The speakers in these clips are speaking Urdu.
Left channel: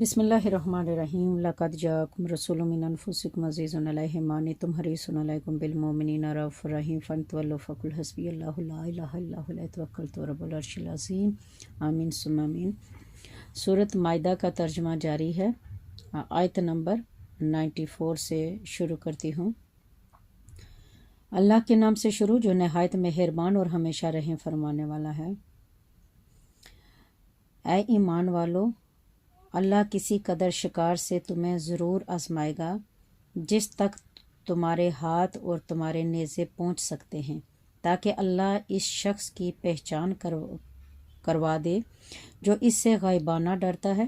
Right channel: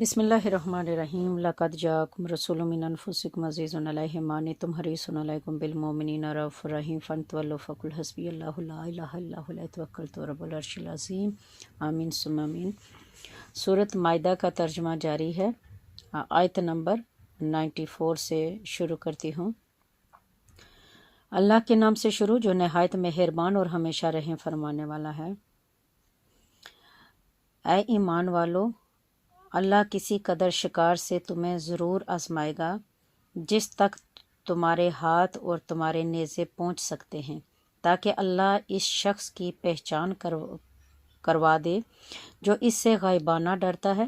بسم اللہ الرحمن الرحیم لقد جاءکم رسول من انفسکم عزیز علیہ ما عنتم حریص علیکم بالمؤمنین رؤوف رحیم فانتولوا فقل حسبی اللہ لا الہ الا هو علیہ توکلت رب العرش العظیم آمین ثم آمین۔ سورۃ مائدہ کا ترجمہ جاری ہے۔ آیت نمبر 94 سے شروع کرتی ہوں۔ اللہ کے نام سے شروع جو نہایت مہربان اور ہمیشہ رحم فرمانے والا ہے۔ اے ایمان والو، اللہ کسی قدر شکار سے تمہیں ضرور آزمائے گا جس تک تمہارے ہاتھ اور تمہارے نیزے پہنچ سکتے ہیں، تاکہ اللہ اس شخص کی پہچان کروا دے جو اس سے غائبانہ ڈرتا ہے۔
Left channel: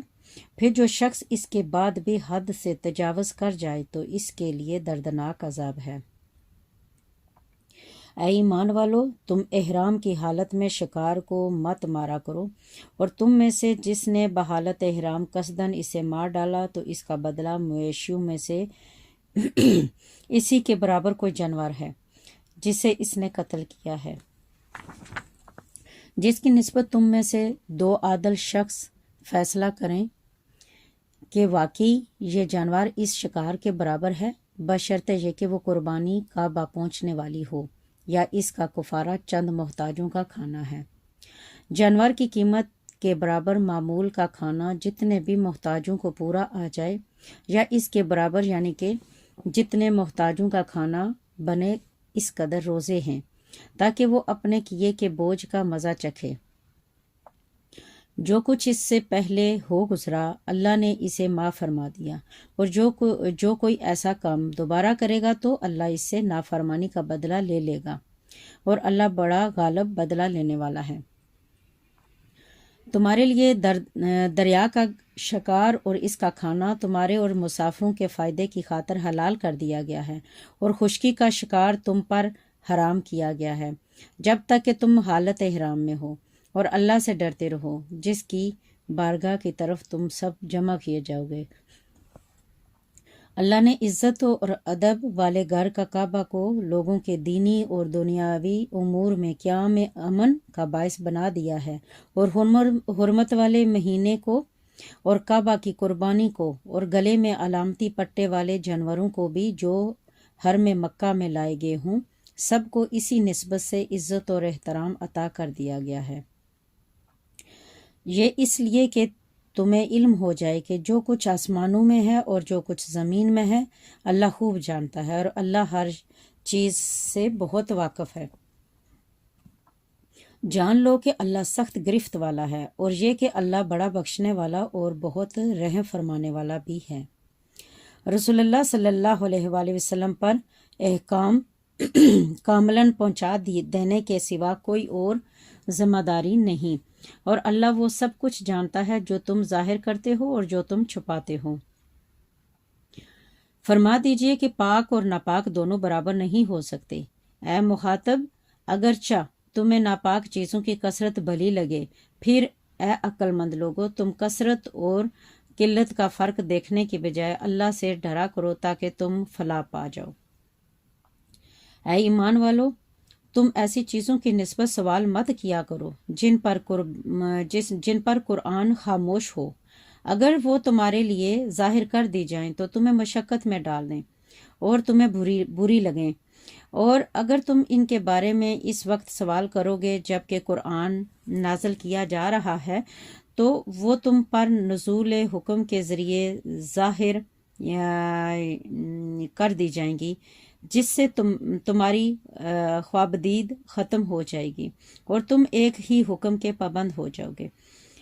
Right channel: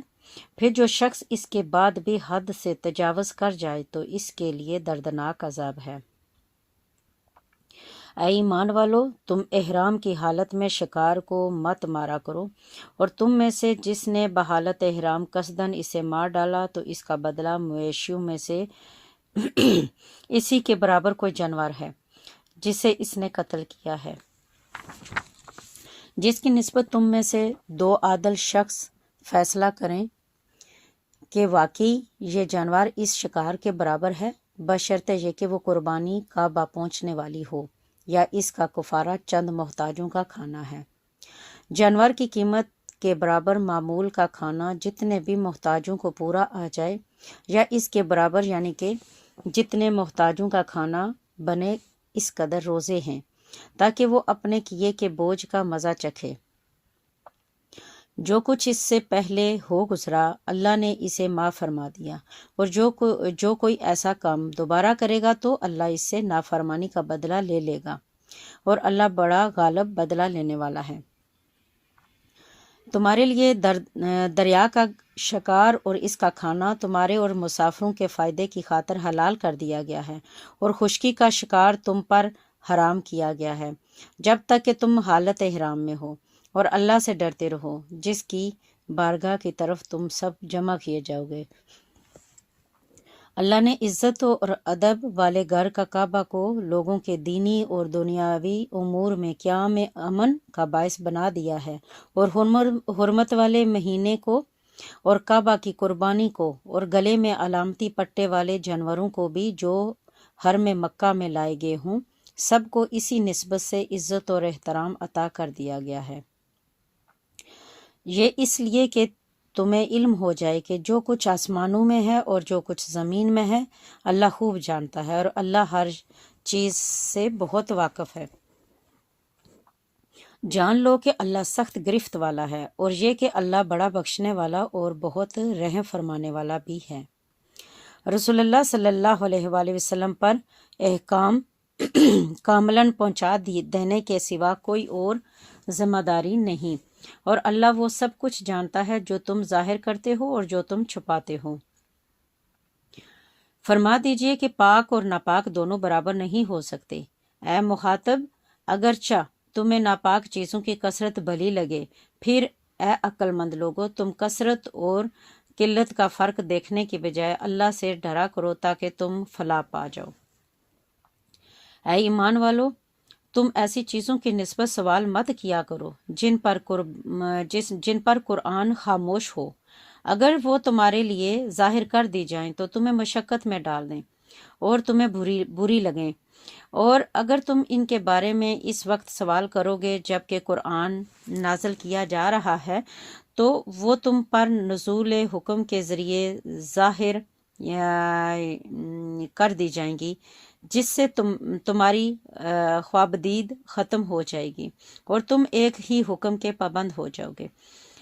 پھر جو شخص اس کے بعد بھی حد سے تجاوز کر جائے تو اس کے لیے دردناک عذاب ہے۔ اے ایمان والو، تم احرام کی حالت میں شکار کو مت مارا کرو، اور تم میں سے جس نے بحالت احرام قصداً اسے مار ڈالا تو اس کا بدلہ مویشیوں میں سے اسی کے برابر کوئی جانور ہے جسے اس نے قتل کیا ہے، جس کی نسبت تم میں سے دو عادل شخص فیصلہ کریں کہ واقعی یہ جانور اس شکار کے برابر ہے، بشرطے یہ کہ وہ قربانی کا با پہنچنے والی ہو یا اس کا کفارہ چند محتاجوں کا کھانا ہے۔ جانور کی قیمت کے برابر معمول کا کھانا جتنے بھی محتاجوں کو پورا آ جائے، یا اس کے برابر یعنی کہ جتنے محتاجوں کا کھانا بنے اس قدر روزے ہیں، تاکہ وہ اپنے کیے کے بوجھ کا مزہ چکھے۔ جو کچھ اس سے پہلے ہو گزرا اللہ نے اسے معاف فرما دیا، اور جو کوئی ایسا کام دوبارہ کرے گا تو اللہ اس سے نافرمانی کا بدلہ لے لے گا، اور اللہ بڑا غالب بدلہ لینے والا ہے۔ تمہارے لیے دریا کا شکار اور اس کا کھانا تمہارے اور مسافروں کے فائدے کی خاطر حلال کر دیا گیا ہے، اور خشکی کا شکار تم پر حرام کیا گیا ہے جب تک کہ تم حالت احرام میں ہو، اور اللہ سے ڈرتے رہو جس کی بارگاہ کی طرف تم سب جمع کیے جاؤ گے۔ اللہ نے عزت اور ادب والے گھر کا کعبہ کو لوگوں کے دینی اور دنیاوی امور میں قیام امن کا باعث بنا دیا ہے، اور حرمت والے مہینے کو اور کعبہ کی قربانی کو اور گلے میں علامتی پٹے والے جانوروں کو بھی جو حرم مکہ میں لائے گئے ہوں، سب کو اسی نسبت سے عزت اور احترام عطا کر دیا گیا ہے۔ یہ اس لیے کہ تمہیں علم ہو جائے کہ جو کچھ آسمانوں میں ہے اور جو کچھ زمین میں ہے اللہ خوب جانتا ہے، اور اللہ ہر چیز سے بہت واقف ہے۔ جان لو کہ اللہ سخت گرفت والا ہے، اور یہ کہ اللہ بڑا بخشنے والا اور بہت رحم فرمانے والا بھی ہے۔ رسول اللہ صلی اللہ علیہ وآلہ وسلم پر احکام کاملاً پہنچا دینے کے سوا کوئی اور ذمہ داری نہیں، اور اللہ وہ سب کچھ جانتا ہے جو تم ظاہر کرتے ہو اور جو تم چھپاتے ہو۔ فرما دیجئے کہ پاک اور ناپاک دونوں برابر نہیں ہو سکتے۔ اے مخاطب، اگرچہ تمہیں ناپاک چیزوں کی کثرت بھلی لگے، پھر اے عقل مند لوگو، تم کثرت اور قلت کا فرق دیکھنے کی بجائے اللہ سے ڈرا کرو تاکہ تم فلاح پا جاؤ۔ اے ایمان والو، تم ایسی چیزوں کی نسبت سوال مت کیا کرو جن پر قرآن خاموش ہو، اگر وہ تمہارے لیے ظاہر کر دی جائیں تو تمہیں مشقت میں ڈال دیں اور تمہیں بری لگیں، اور اگر تم ان کے بارے میں اس وقت سوال کرو گے جب کہ قرآن نازل کیا جا رہا ہے تو وہ تم پر نزول حکم کے ذریعے ظاہر کر دی جائیں گی، جس سے تمہاری خوابدید ختم ہو جائے گی اور تم ایک ہی حکم کے پابند ہو جاؤ گے۔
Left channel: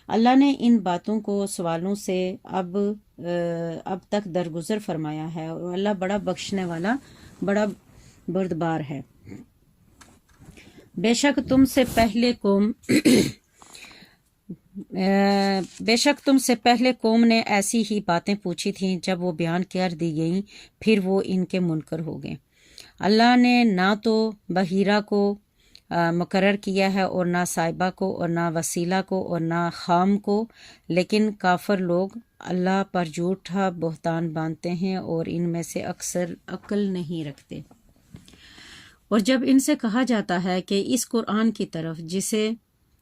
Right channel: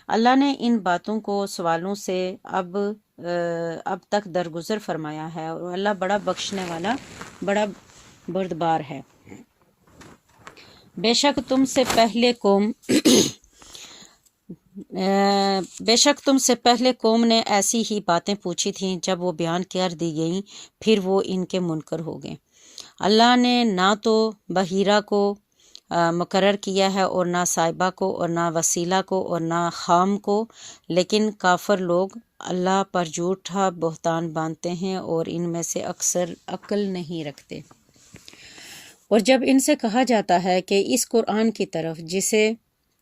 اللہ نے ان باتوں کو سوالوں سے اب تک درگزر فرمایا ہے، اور اللہ بڑا بخشنے والا، بڑا بردبار ہے۔ بے شک تم سے پہلے قوم نے ایسی ہی باتیں پوچھی تھیں، جب وہ بیان کر دی گئیں پھر وہ ان کے منکر ہو گئے۔ اللہ نے نہ تو بحیرہ کو مقرر کیا ہے اور نہ صاحبہ کو اور نہ وسیلہ کو اور نہ خام کو، لیکن کافر لوگ اللہ پر جھوٹا بہتان باندھتے ہیں اور ان میں سے اکثر عقل نہیں رکھتے۔ اور جب ان سے کہا جاتا ہے کہ اس قرآن کی طرف جسے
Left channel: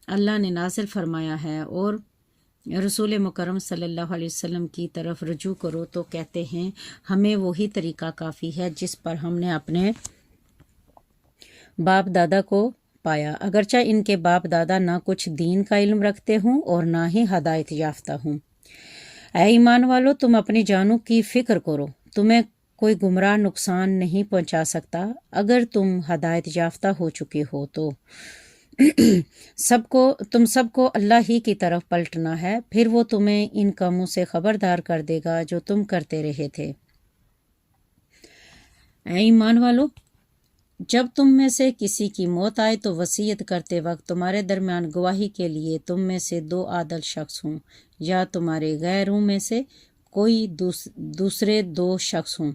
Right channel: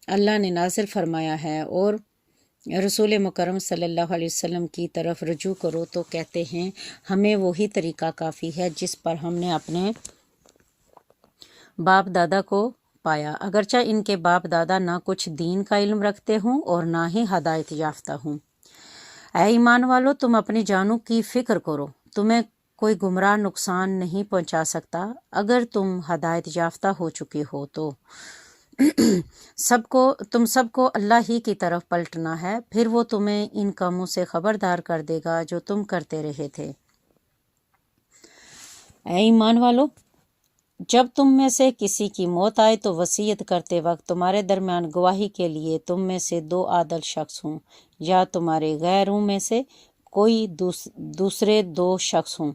اللہ نے نازل فرمایا ہے اور رسول مکرم صلی اللہ علیہ وسلم کی طرف رجوع کرو تو کہتے ہیں ہمیں وہی طریقہ کافی ہے جس پر ہم نے اپنے باپ دادا کو پایا، اگرچہ ان کے باپ دادا نہ کچھ دین کا علم رکھتے ہوں اور نہ ہی ہدایت یافتہ ہوں۔ اے ایمان والو، تم اپنی جانوں کی فکر کرو، تمہیں کوئی گمراہ نقصان نہیں پہنچا سکتا اگر تم ہدایت یافتہ ہو چکے ہو تو۔ تم سب کو اللہ ہی کی طرف پلٹنا ہے، پھر وہ تمہیں ان کاموں سے خبردار کر دے گا جو تم کرتے رہے تھے۔ اے ایمان والو، جب تم میں سے کسی کی موت آئے تو وصیت کرتے وقت تمہارے درمیان گواہی کے لیے تم میں سے 2 عادل شخص ہوں، یا تمہارے غیروں میں سے کوئی دوسرے 2 شخص ہوں۔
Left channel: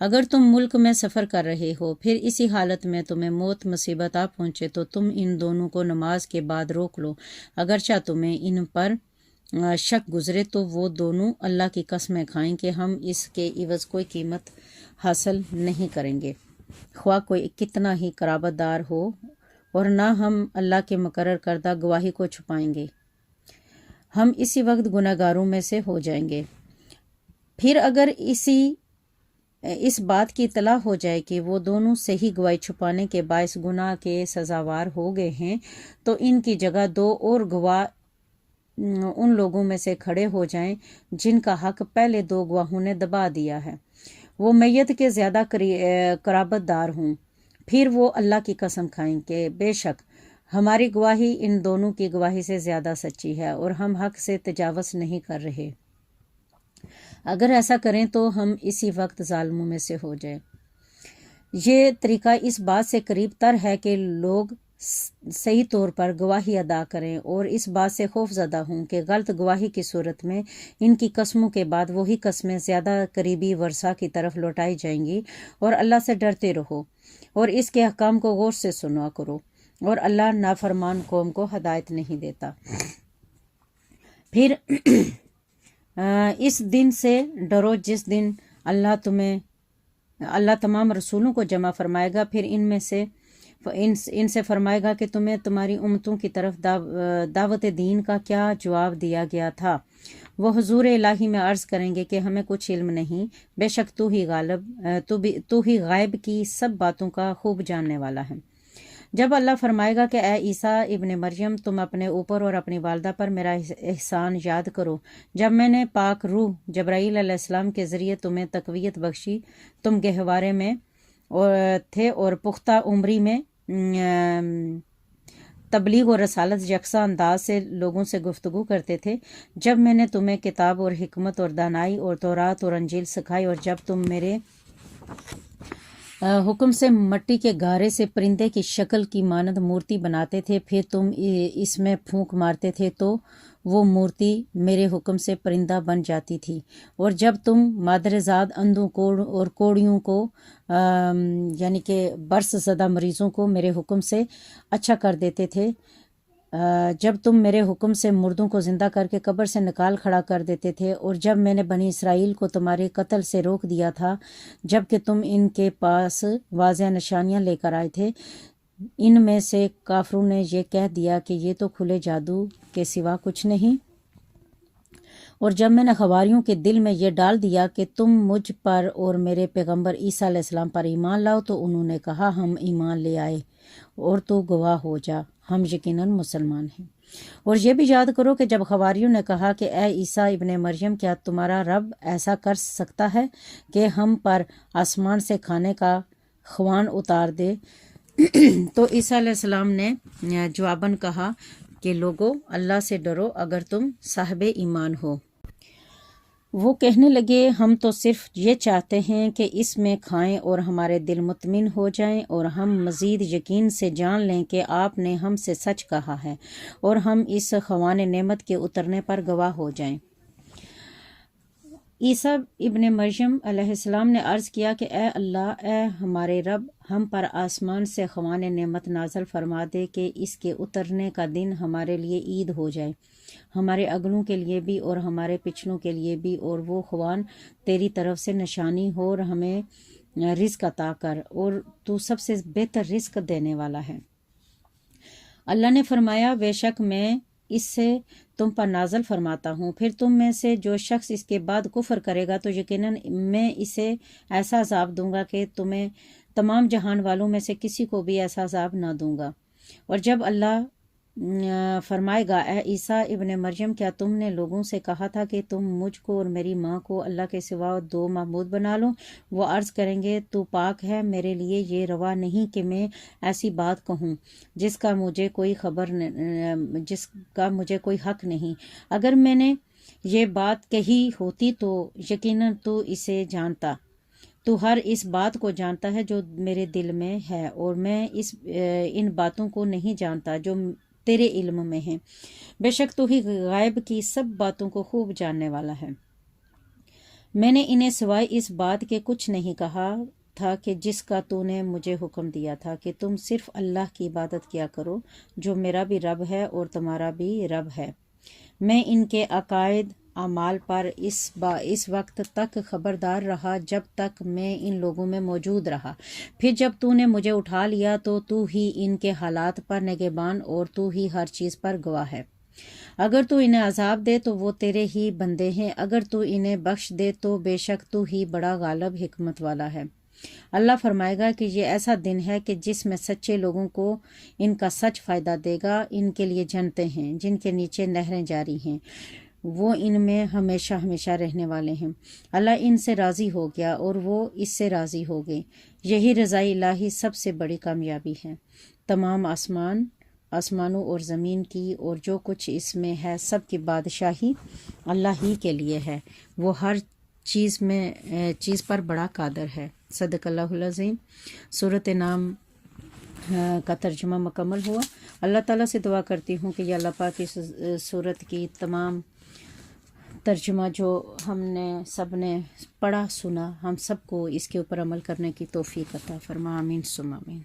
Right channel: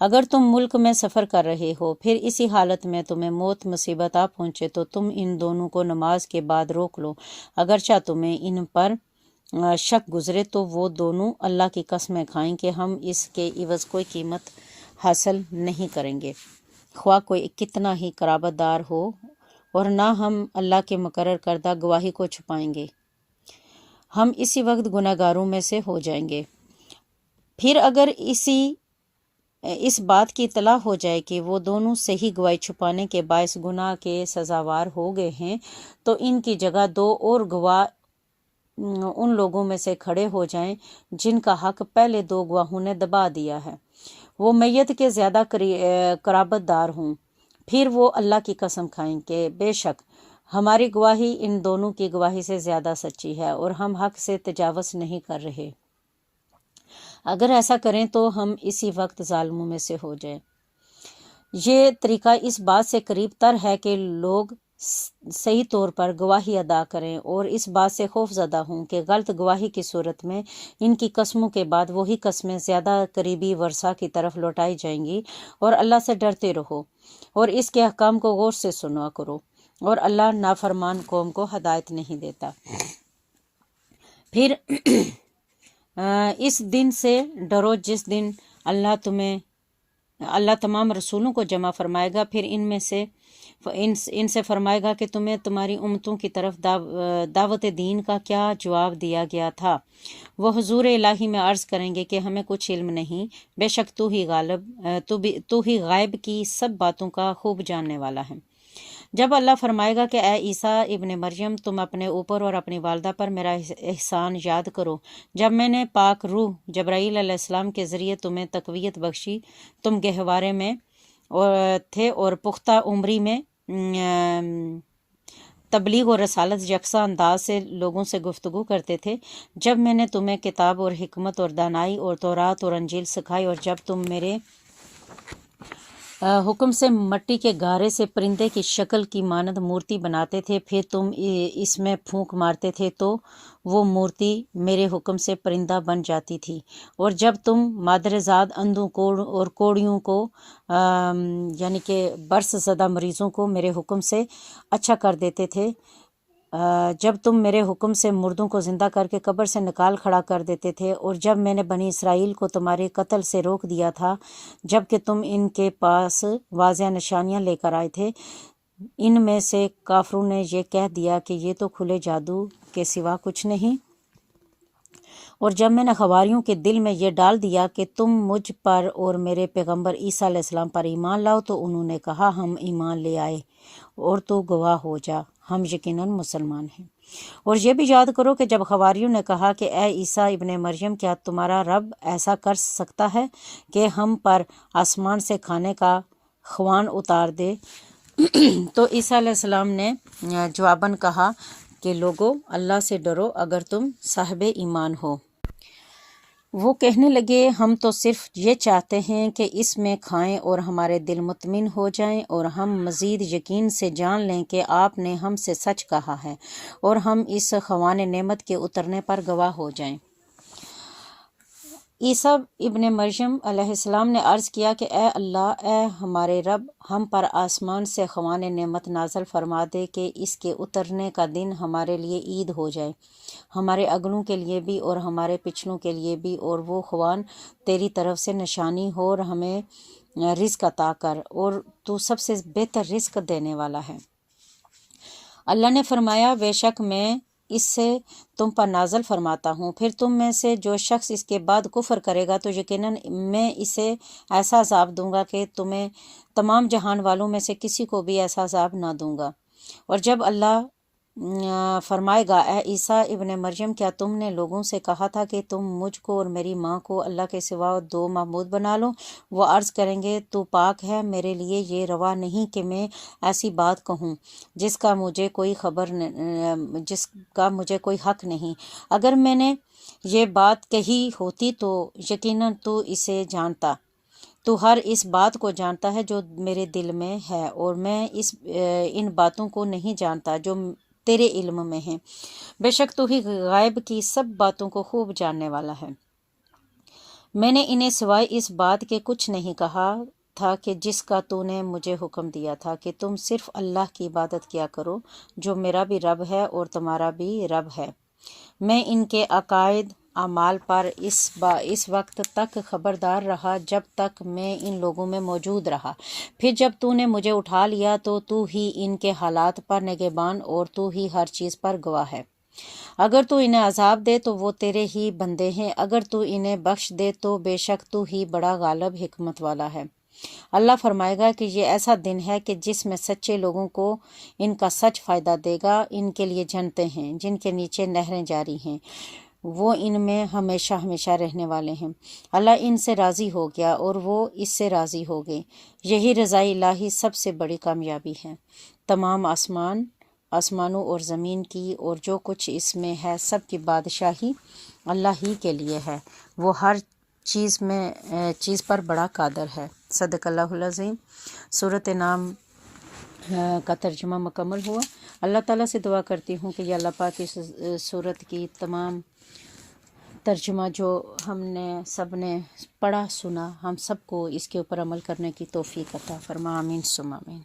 اگر تم ملک میں سفر کر رہے ہو، پھر اسی حالت میں تمہیں موت مصیبت آ پہنچے تو تم ان دونوں کو نماز کے بعد روک لو، اگرچہ تمہیں ان پر شک گزرے تو وہ دونوں اللہ کی قسمیں کھائیں کہ ہم اس کے عوض کوئی قیمت حاصل نہیں کریں گے، خواہ کوئی کتنا ہی قرابت دار ہو، اور نہ ہم اللہ کے مقرر کردہ گواہی کو چھپائیں گے، ہم اسی وقت گناہ گاروں میں سے ہو جائیں گے۔ پھر اگر اس بات کی اطلاع ہو جائے کہ وہ دونوں صحیح گواہی چھپانے کے باعث گناہ کے سزاوار ہو گئے ہیں تو ان کی جگہ 2 اور گواہ ان لوگوں میں سے کھڑے ہو جائیں جن کا حق پہلے 2 گواہوں نے دبا دیا ہے، وہ میت کے زیادہ قرابت دار ہوں۔ پھر وہ اللہ کی قسم کھائیں کہ بے شک ہماری گواہی ان دونوں کی گواہی سے زیادہ سچی ہے اور ہم حق سے تجاوز نہیں کر رہے۔ اگر ایسا کریں تو ہم اسی وقت ظالموں میں سے ہو جائیں۔ یہ طریقہ اس بات سے قریب تر ہے کہ لوگ صحیح طور پر گواہی ادا کریں اور اس بات سے خوف زدہ ہوں کہ غلط گواہی کی صورت میں ان کی قسموں کے بعد وہی قسمیں زیادہ قریبی ورثہ کی طرف لوٹائی جائیں گی، اور اللہ سے ڈرتے رہو اور اس کے احکام کو غور سے سنا کرو، اور اللہ نافرمان قوم کو ہدایت نہیں دیتا۔ پھر اس دن سے ڈرو جس دن اللہ تمام رسولوں کو جمع فرمائے گا، پھر ان سے فرمائے گا کہ تمہیں تمہاری امتوں کی طرف دعوت دین کا کیا جواب دیا گیا تھا۔ وہ حضور الہی میں عرض کریں گے کہ ہمیں کچھ علم نہیں، بے شک تو ہی غائب کی سب باتوں کا خوب جاننے والا ہے۔ جب اللہ فرمائے گا کہ اے عیسیٰ ابن مریم، تم اپنے اوپر اور اپنی والدہ پر میرا احسان یاد کرو، جب میں نے پاک روح جبرائیل علیہ السلام کے ذریعے تمہیں تقویت بخشی، تم گہوارے میں تھے اور پختہ عمری میں تبلیغ اور رسالت یکساں انداز سے لوگوں سے گفتگو کرتے تھے، جب میں نے تمہیں کتاب اور حکمت اور دانائی اور تورات اور انجیل سکھائی، اور جب تم میرے حکم سے مٹی کے گارے سے پرندے کی شکل کی مانند مورتی بناتے تھے، پھر تم اس میں پھونک مارتے تھے تو وہ مورتی میرے حکم سے پرندہ بن جاتی تھی، اور جب تم مادرزاد اندھوں کو اور کوڑیوں کو یعنی کہ برس زدہ مریضوں کو میرے حکم سے اچھا کر دیتے تھے، جب تم میرے حکم سے مردوں کو زندہ کر کے قبر سے نکال کھڑا کر دیتے تھے، اور جب میں نے بنی اسرائیل کو تمہارے قتل سے روک دیا تھا جب کہ تم ان کے پاس واضح نشانیاں لے کر آئے تھے، ان میں سے کافروں نے یہ کہہ دیا کہ یہ تو کھلے جادو کے سوا کچھ نہیں، اور جب میں نے حواریوں کے دل میں یہ ڈال دیا کہ تم مجھ پر اور میرے پیغمبر عیسیٰ علیہ السلام پر ایمان لاؤ تو انہوں نے کہا ہم ایمان لے آئے، اور تو گواہ ہو جا ہم یقیناً مسلمان ہیں۔ اور یہ بھی یاد کرو کہ جب حواریوں نے کہا کہ اے عیسیٰ ابن مریم، کیا تمہارا رب ایسا کر سکتا ہے کہ ہم پر آسمان سے کھانے کا خوان اتار دے؟ تو عیسیٰ علیہ السلام نے جواباً کہا کہ لوگو، اللہ سے ڈرو اگر تم صاحب ایمان ہو۔ وہ کہنے لگے ہم تو صرف یہ چاہتے ہیں کہ اس میں کھائیں اور ہمارے دل مطمئن ہو جائیں اور ہم مزید یقین سے جان لیں کہ آپ نے ہم سے سچ کہا ہے، اور ہم اس خوان نعمت کے اترنے پر گواہ ہو جائیں۔ عیسیٰ ابن مریم علیہ السلام نے عرض کیا کہ اے اللہ، اے ہمارے رب، ہم پر آسمان سے خوان نعمت نازل فرما دے کہ اس کے اترنے کا دن ہمارے لیے عید ہو جائے، ہمارے اگلوں کے لیے بھی اور ہمارے پچھلوں کے لیے بھی، اور وہ خوان تیری طرف سے نشانی ہو، اور ہمیں رزق عطا کر، اور تو سب سے بہتر رزق دینے والا ہے۔ اللہ نے فرمایا بے شک میں اس سے تم پر نازل فرماتا ہوں، پھر تم میں سے جو شخص اس کے بعد کفر کرے گا تو یقیناً میں اسے ایسا عذاب دوں گا کہ تمہیں تمام جہان والوں میں سے کسی کو بھی ایسا عذاب نہ دوں گا۔ اور جب اللہ فرمائے گا اے عیسیٰ ابن مریم، کیا تم نے لوگوں سے کہا تھا کہ تم مجھ کو اور میری ماں کو اللہ کے سوا دو معبود بنا لو؟ وہ عرض کریں گے تو پاک ہے، میرے لیے یہ روا نہیں کہ میں ایسی بات کہوں جس کا مجھے کوئی حق نہیں۔ اگر میں نے یہ بات کہی ہوتی تو یقیناً تو اسے جانتا، تو ہر اس بات کو جانتا ہے جو میرے دل میں ہے، اور میں ان باتوں کو نہیں جانتا جو تیرے علم میں ہیں۔ بے شک تو ہی غیب کی سب باتوں کو خوب جاننے والا ہے۔ میں نے انہیں سوائے اس بات کے کچھ نہیں کہا تھا کہ جس کا تو نے مجھے حکم دیا تھا کہ تم صرف اللہ کی عبادت کیا کرو، جو میرا بھی رب ہے اور تمہارا بھی رب ہے۔ میں ان کے عقائد اعمال پر اس وقت تک خبردار رہا جب تک میں ان لوگوں میں موجود رہا، پھر جب تو نے مجھے اٹھا لیا تو ہی ان کے حالات پر نگہبان اور تو ہی ہر چیز پر گواہ ہے۔ اگر تو انہیں عذاب دے تو وہ تیرے ہی بندے ہیں، اگر تو انہیں بخش دے تو بے شک تو ہی بڑا غالب حکمت والا ہے۔ اللہ فرمائے گا کہ یہ ایسا دن ہے کہ جس میں سچے لوگوں کو ان کا سچ فائدہ دے گا۔ ان کے لیے جنتیں ہیں جن کے نیچے نہریں جاری ہیں، وہ ان میں ہمیشہ ہمیشہ رہنے والے ہیں۔ اللہ ان سے راضی ہو گیا اور وہ اس سے راضی ہو گئے۔ یہی رضائی الہی سب سے بڑی کامیابی ہے۔ تمام آسمانوں اور زمین کی اور جو کچھ اس میں ہے سب کی بادشاہی اللہ ہی کے لیے ہے، وہ ہر چیز پر بڑا قادر ہے۔ صدق اللہ العظیم۔ سورۃ نام کا ترجمہ مکمل ہوا۔ اللہ تعالیٰ سے دعا کرتی ہوں کہ یا اللہ پاک اس سورت کی تمام ترجمہ جو ہم نے سب نے پڑھا سنا، ہم سب کو اس کے اوپر عمل کرنے کی توفیق عطا فرما، آمین ثم آمین۔